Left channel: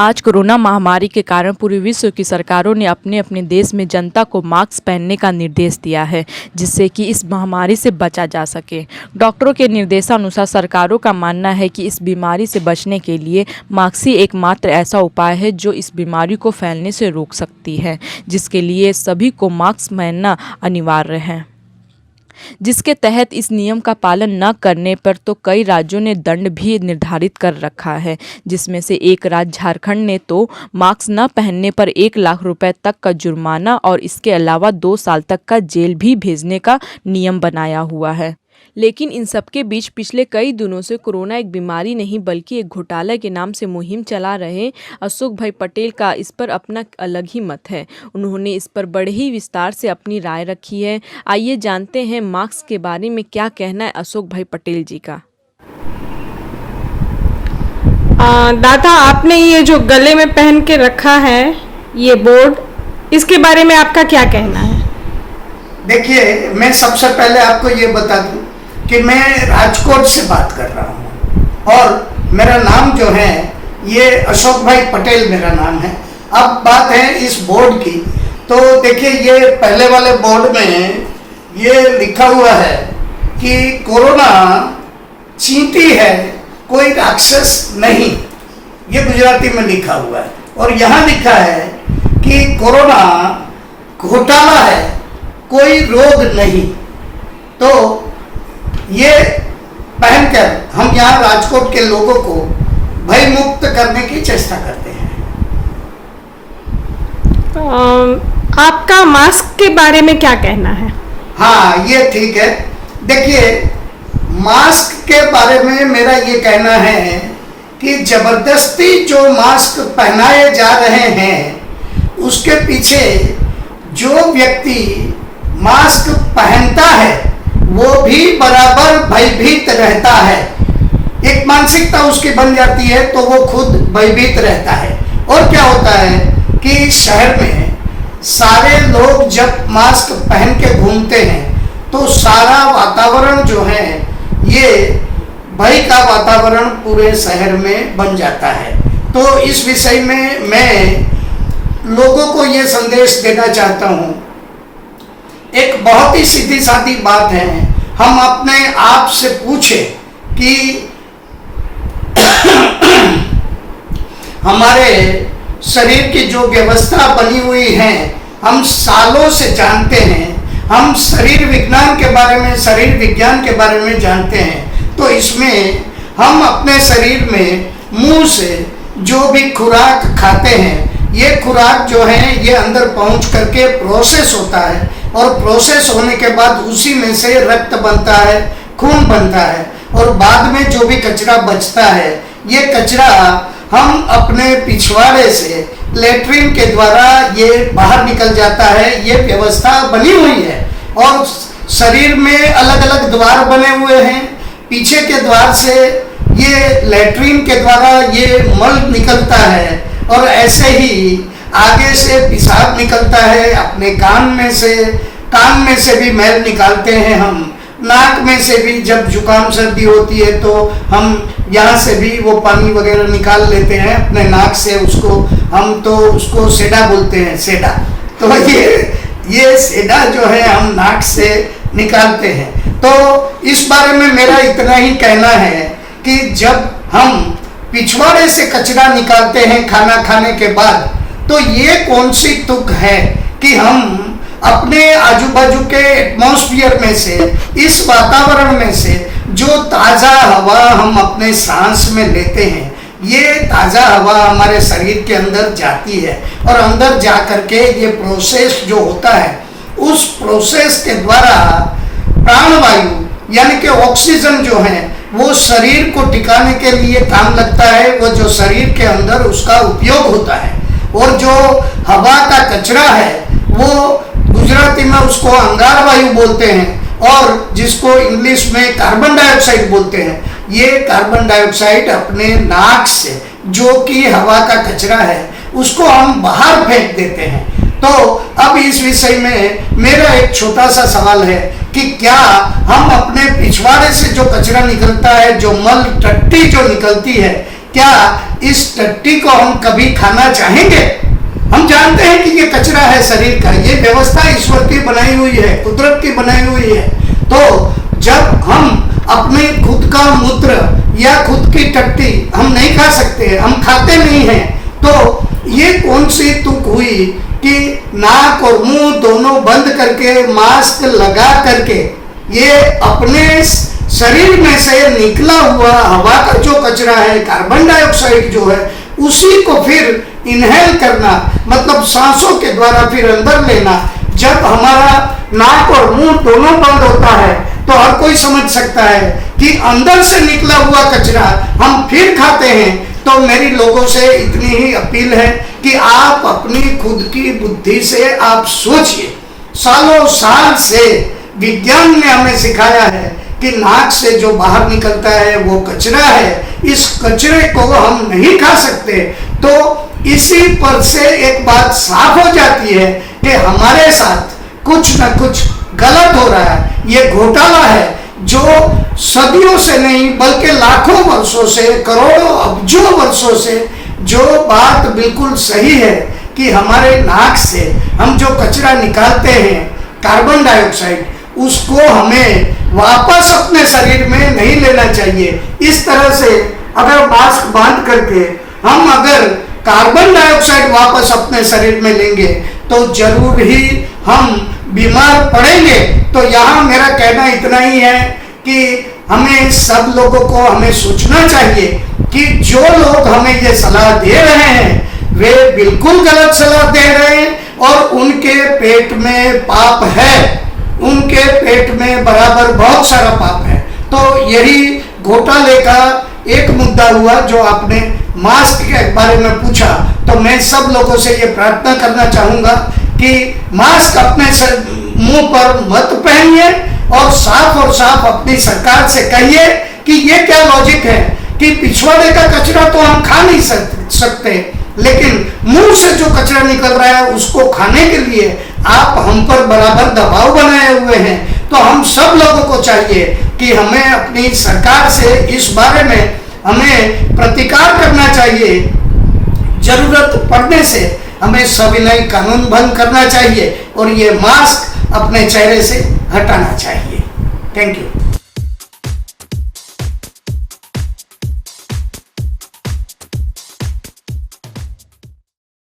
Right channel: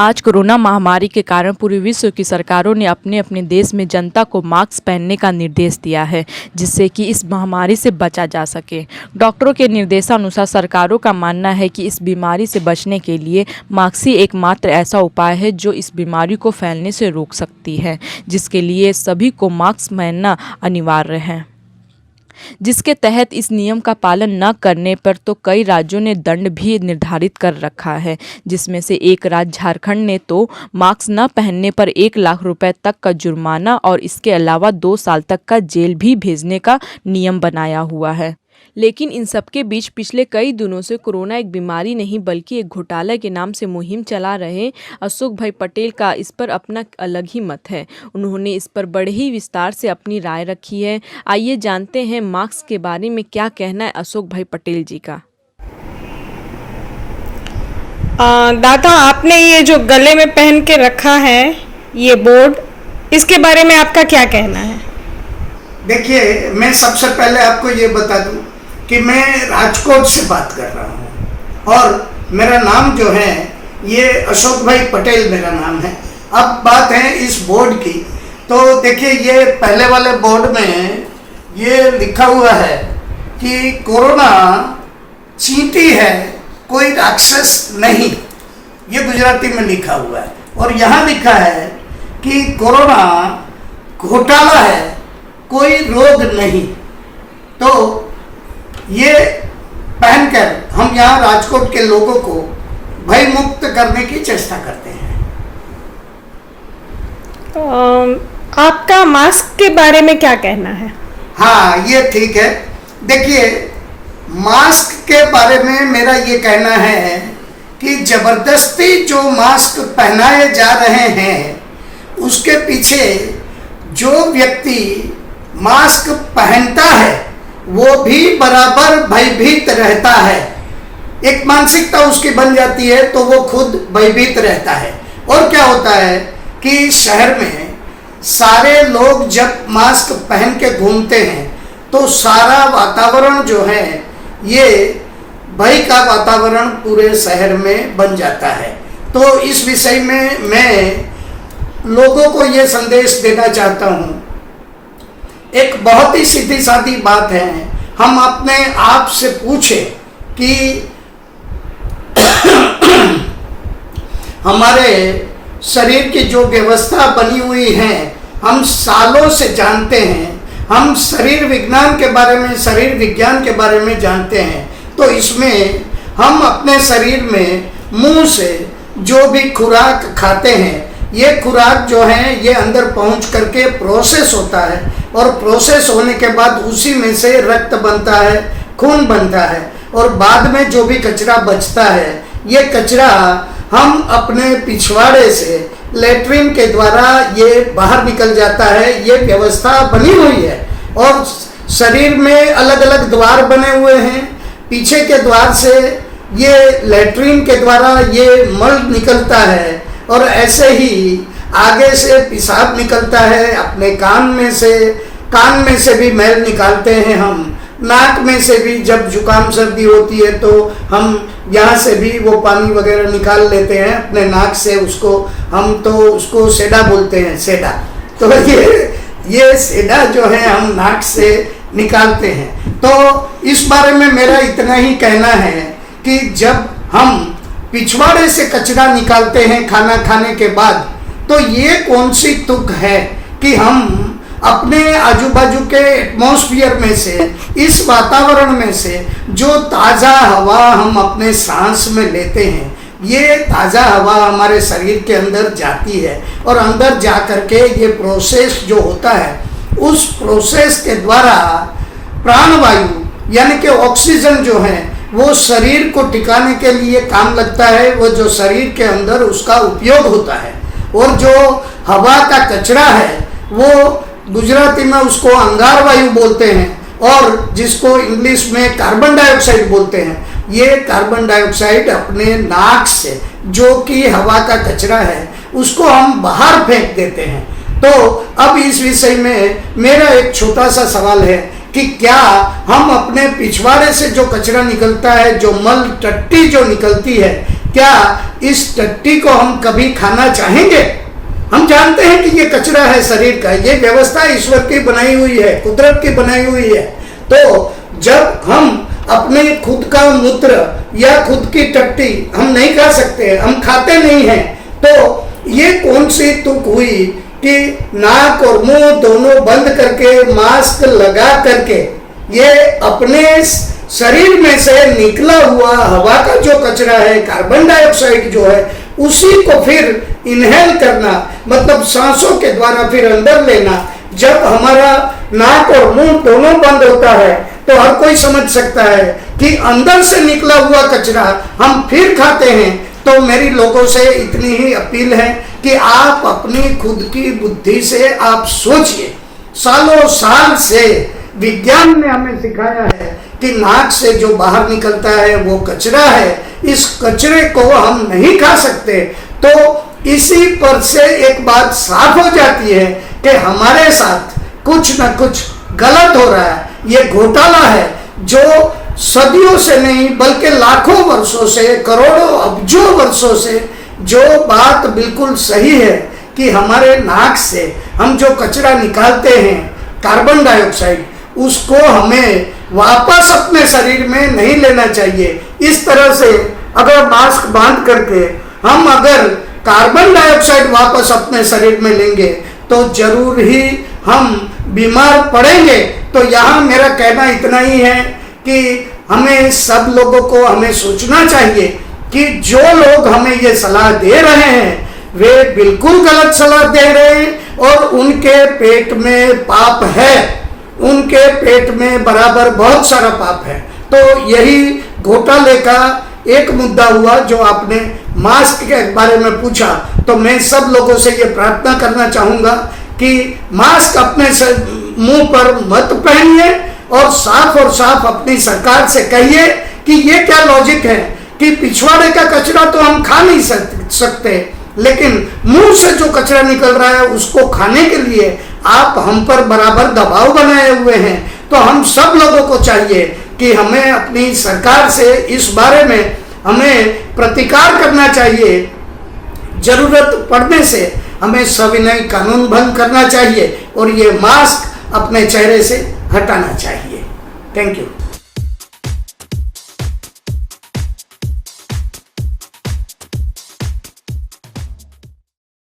आज कोरोना महामारी के कारण पूरे विश्व की सरकारों ने अपने अपने देश में जनता को मास्क पहनने का निर्देश दिया है, जिससे कि इस महामारी से बचा जा सके। डॉक्टरों के निर्देशानुसार सरकारों का मानना है कि इस बीमारी से बचने के लिए मास्क ही एकमात्र ऐसा उपाय है जो इस बीमारी को फैलने से रोक सकती है, जिसके लिए सभी को मास्क पहनना अनिवार्य है। जिसके तहत इस नियम का पालन न करने पर तो कई राज्यों ने दंड भी निर्धारित कर रखा है, जिसमें से एक राज्य झारखंड ने तो मास्क न पहनने पर 1 लाख रुपए तक का जुर्माना और इसके अलावा 2 साल तक का जेल भी भेजने का नियम बनाया हुआ है। लेकिन इन सबके बीच पिछले कई दिनों से कोरोना एक बीमारी नहीं बल्कि एक घोटाला के नाम से मुहिम चला रहे अशोक भाई पटेल का इस पर अपना अलग ही मत है। उन्होंने इस पर बड़े ही विस्तार से अपनी राय रखी है। आइए जानते हैं मास्क के बारे में क्या कहना है अशोक भाई पटेल जी का। दादा, आपने ये जो गले में पहन के रखा है ये बोर्ड, इसके बारे में आपका क्या कहना है? देखिए, मैं सबसे पहले आपको ये बता दूं कि मैं राजकोट से बात कर रहा हूं और मेरा नाम जो है ये अशोक भाई पटेल मेरा नाम है। अब बात है इस बोर्ड की, तो देखिए ये पहले वाले बोर्ड में ये लिखा हुआ है कि कोरोना चींटी है, कोई राक्षस नहीं। ये गुजराती में लिखा हुआ है और यहाँ लिखा है कि कोरोना घोटाला है, कोई रोग नहीं। तो ये पहनकर हम यहाँ राजकोट के लोगों को भय मुक्त करने की चेष्टा करते हैं। आपका मास्क के बारे में क्या कहना है? हाँ, ये ठीक है। देखिए, मास्क के बारे में मेरा ये कहना है कि जबरदस्ती जो मास्क पहनाए जा रहे हैं उसके पीछे जो व्यक्ति मास्क पहनता है वो भी बराबर भयभीत रहता है। एक मानसिकता उसकी बन जाती है तो वो खुद भयभीत रहता है। और क्या होता है कि शहर में सारे लोग जब मास्क पहन के घूमते हैं तो सारा वातावरण जो है ये भय का वातावरण पूरे शहर में बन जाता है। तो इस विषय में मैं लोगों को ये संदेश देना चाहता हूँ। एक बहुत ही सीधी सादी बात है, हम अपने आप से पूछें कि हमारे शरीर की जो व्यवस्था बनी हुई है हम सालों से जानते हैं, हम शरीर विज्ञान के बारे में, शरीर विज्ञान के बारे में जानते हैं। तो इसमें हम अपने शरीर में मुंह से जो भी खुराक खाते हैं ये खुराक जो है ये अंदर पहुंच करके प्रोसेस होता है और प्रोसेस होने के बाद उसी में से रक्त बनता है, खून बनता है और बाद में जो भी कचरा बचता है ये कचरा हम अपने पिछवाड़े से लेट्रिन के द्वारा ये बाहर निकल जाता है। ये व्यवस्था बनी हुई है और शरीर में अलग अलग द्वार बने हुए हैं। पीछे के द्वार से ये लेट्रिन के द्वारा ये मल निकलता है और ऐसे ही आगे से पेशाब निकलता है। अपने कान में से भी मैल निकालते हैं हम। नाक में से भी जब जुकाम सर्दी होती है तो हम यहाँ से भी वो पानी वगैरह निकाल लेते हैं अपने नाक से। उसको सेडा बोलते हैं, सेडा। तो ये सेडा जो है हम नाक से निकालते हैं। तो इस बारे में मेरा इतना ही कहना है कि जब हम पिछवाड़े से कचरा निकालते हैं खाना खाने के बाद, तो ये कौन सी तुक है कि हम अपने आजू बाजू के एटमॉस्फेयर में से, इस वातावरण में से जो ताज़ा हवा हम अपने सांस में लेते हैं, ये ताज़ा हवा हमारे शरीर के अंदर जाती है और अंदर जा करके ये प्रोसेस जो होता है उस प्रोसेस के द्वारा प्राणवायु यानी कि ऑक्सीजन जो है वो शरीर को टिकाने के लिए काम लगता है। वो जो शरीर के अंदर उसका उपयोग होता है और जो हवा का कचरा है वो गुजराती में उसको अंगार वायु बोलते हैं और जिसको इंग्लिश में कार्बन डाइऑक्साइड बोलते हैं। ये कार्बन डाइऑक्साइड अपने नाक से जो कि हवा का कचरा है उसको हम बाहर फेंक देते हैं। तो अब इस विषय में मेरा एक छोटा सा सवाल है कि क्या हम अपने पिछवाड़े से जो कचरा निकलता है, जो मल टट्टी जो निकलती है, क्या इस टट्टी को हम कभी खाना चाहेंगे? हम जानते हैं कि ये कचरा है शरीर का, ये व्यवस्था ईश्वर की बनाई हुई है, कुदरत की बनाई हुई है। तो जब हम अपने खुद का मूत्र या खुद की टट्टी हम नहीं खा सकते, हम खाते नहीं हैं, तो ये कौन सी तुक हुई कि नाक और मुंह दोनों बंद करके मास्क लगा करके ये अपने शरीर में से निकला हुआ हवा का जो कचरा है, कार्बन डाइऑक्साइड जो है, उसी को फिर इनहेल करना, मतलब सांसों के द्वारा फिर अंदर लेना। जब हमारा नाक और मुंह दोनों बंद होता है तो हर कोई समझ सकता है कि अंदर से निकला हुआ कचरा हम फिर खाते हैं। तो मेरी लोगों से इतनी ही अपील है कि आप अपनी खुद की बुद्धि से आप सोचिए। सालों साल से विज्ञान ने हमें सिखाया है कि नाक से जो बाहर निकलता है वो कचरा है, इस कचरे को हम नहीं खा सकते। तो इसी पर से एक बात साफ हो जाती है कि हमारे साथ कुछ न कुछ गलत हो रहा है। ये घोटाला है जो सदियों से नहीं बल्कि लाखों वर्षों से, करोड़ों अब्जों वर्षों से जो बात बिल्कुल सही है कि हमारे नाक से हम जो कचरा निकालते हैं कार्बन डाइऑक्साइड, उसको हमें वापस अपने शरीर में नहीं लेना चाहिए। इस तरह से अगर मास्क बांध करके हम अगर कार्बन डाइऑक्साइड वापस अपने शरीर में लेंगे तो जरूर ही हम बीमार पड़ेंगे। तो यहाँ मेरा कहना इतना ही है कि हमें सब लोगों को हमें सोचना चाहिए कि जो लोग हमें ये सलाह दे रहे हैं वे बिल्कुल गलत सलाह दे रहे हैं और उनके पेट में पाप है, उनके पेट में बराबर बहुत सारा पाप है। तो यही घोटाले का एक मुद्दा हुआ जो आपने मास्क के बारे में पूछा। तो मैं सब लोगों से ये प्रार्थना करना चाहूँगा कि मास्क अपने मुंह पर मत पहनिए और साफ अपनी सरकार से कहिए कि ये क्या लॉजिक है कि पिछवाड़े का कचरा तो हम खा नहीं सकते, लेकिन मुंह से जो कचरा निकल रहा है उसको खाने के लिए आप हम पर बराबर दबाव बनाए हुए हैं। तो हम सब लोगों को चाहिए कि हमें अपनी सरकार से इस बारे में हमें प्रतिकार करना चाहिए। जरूरत पड़ने से हमें सविनय कानून भंग करना चाहिए और ये मास्क अपने चेहरे से हटाना चाहिए। Thank you.